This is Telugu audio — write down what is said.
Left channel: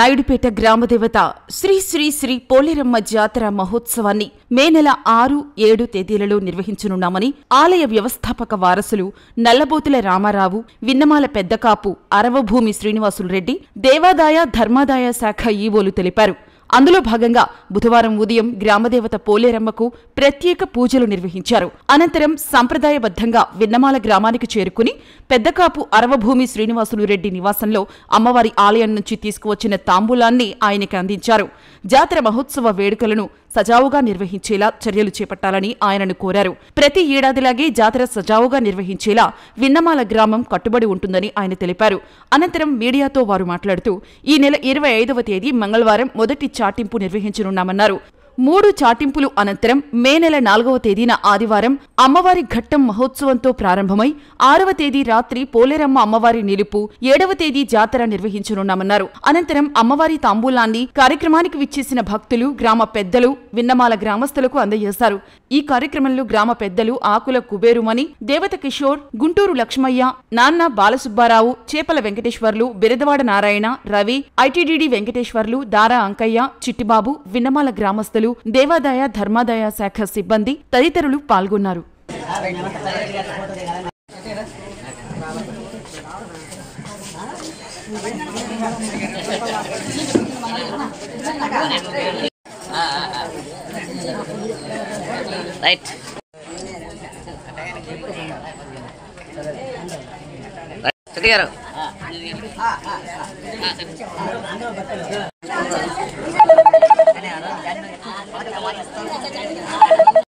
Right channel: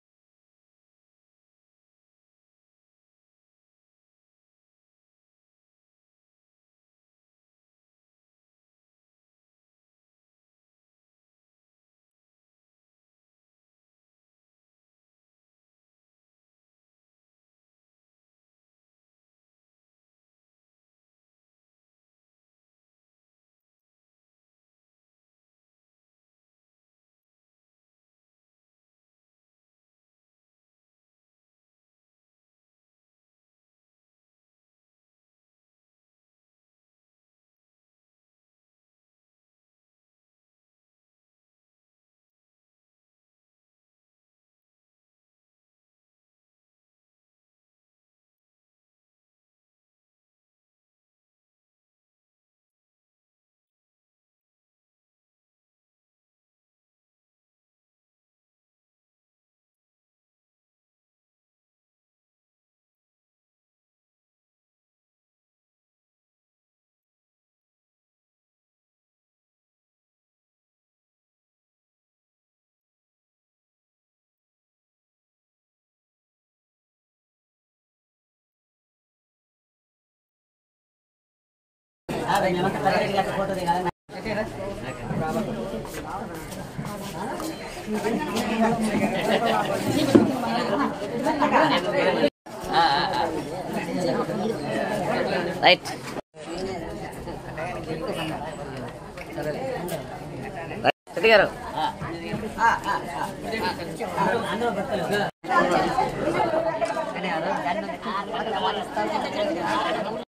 నాయుడుపేట గ్రామదేవత శ్రీ శ్రీ శ్రీ పోలేరమ్మ జాతర మహోత్సవాన్ని మే నెల 6, 7 తేదీలలో నిర్వహించనున్నామని ఆలయ వ్యవస్థాపక వారసులు నల్లబోతుల రామారావు, విన్నమాల పెద్దకాపు అరవభూమి శ్రీనివాసులు రెడ్డి, దేవాదాయ ధర్మాదాయ శాఖ ఈవోలు తెలిపారు. అందులో భాగంగా బుధవారం ఉదయం గ్రామదేవత పోలేరమ్మకు ప్రత్యేక పూజలు నిర్వహించారు. అనంతరం సంప్రదాయబద్ధంగా విన్నమాల గ్రామానికి చేరుకుని పెద్దకాపు అరవభూమి శ్రీనివాసులు రెడ్డి నివాసంలో అమ్మవారి ఆలయం నుంచి తీసుకువచ్చిన తాంబూలాన్ని ఆయనకి అందించారు. జాతర మహోత్సవ వేడుకలను సజావుగా నిర్వహించేలా చర్యలు చేపట్టాలని ఆయనను కోరారు. ప్రతి ఏడాదిలాగే జాతర సజావుగా నిర్వహించేలా విన్నమాల గ్రామం కట్టుబడి ఉంటుందని ఆయన తెలిపారు. అనంతరం మీడియాతో వారు మాట్లాడుతూ ఈ నెల 25వ తేదీ మంగళవారం మొదటి చాటింపు నిర్వహించనున్నామన్నారు. 3 చాటింపులు అనంతరం మే నెల 4వ తేదీన ఆదివారం అమ్మవారి ఘట్టం మహోత్సవంతో ప్రారంభమై 6వ తేదీ రాత్రి పోలేరమ్మ అమ్మవారి నిలుపు, 7వ తేదీ జాతర నిర్వహించనున్నామన్నారు. అనంతరం అమ్మవారి తాంబూలాన్ని కార్యక్రమానికి విచ్చేసిన భక్తులు, గ్రామ పెద్దలు, విన్నమాల గ్రామస్తులకు అందజేశారు. ఈ కార్యక్రమంలో గ్రామ పెద్దలు ఆకుల కుబేరుమణి, దేవత కిషోర్, గుంటూరు లక్ష్మయ్య, నాన్న బాలసుబ్బారావు, చేపల వెంకటేశ్వర్లు, బిరదవాడ నారాయణ, రవి, ఐటీడీడీ వెంకటేశ్వర్లు, దారా అంకయ్య, చిట్టిబాబు, విన్నమాల గ్రామస్తులు, దేవాదాయ ధర్మాదాయ శాఖ సిబ్బంది తదితరులు పాల్గొన్నారు. రైట్ సతీ గారు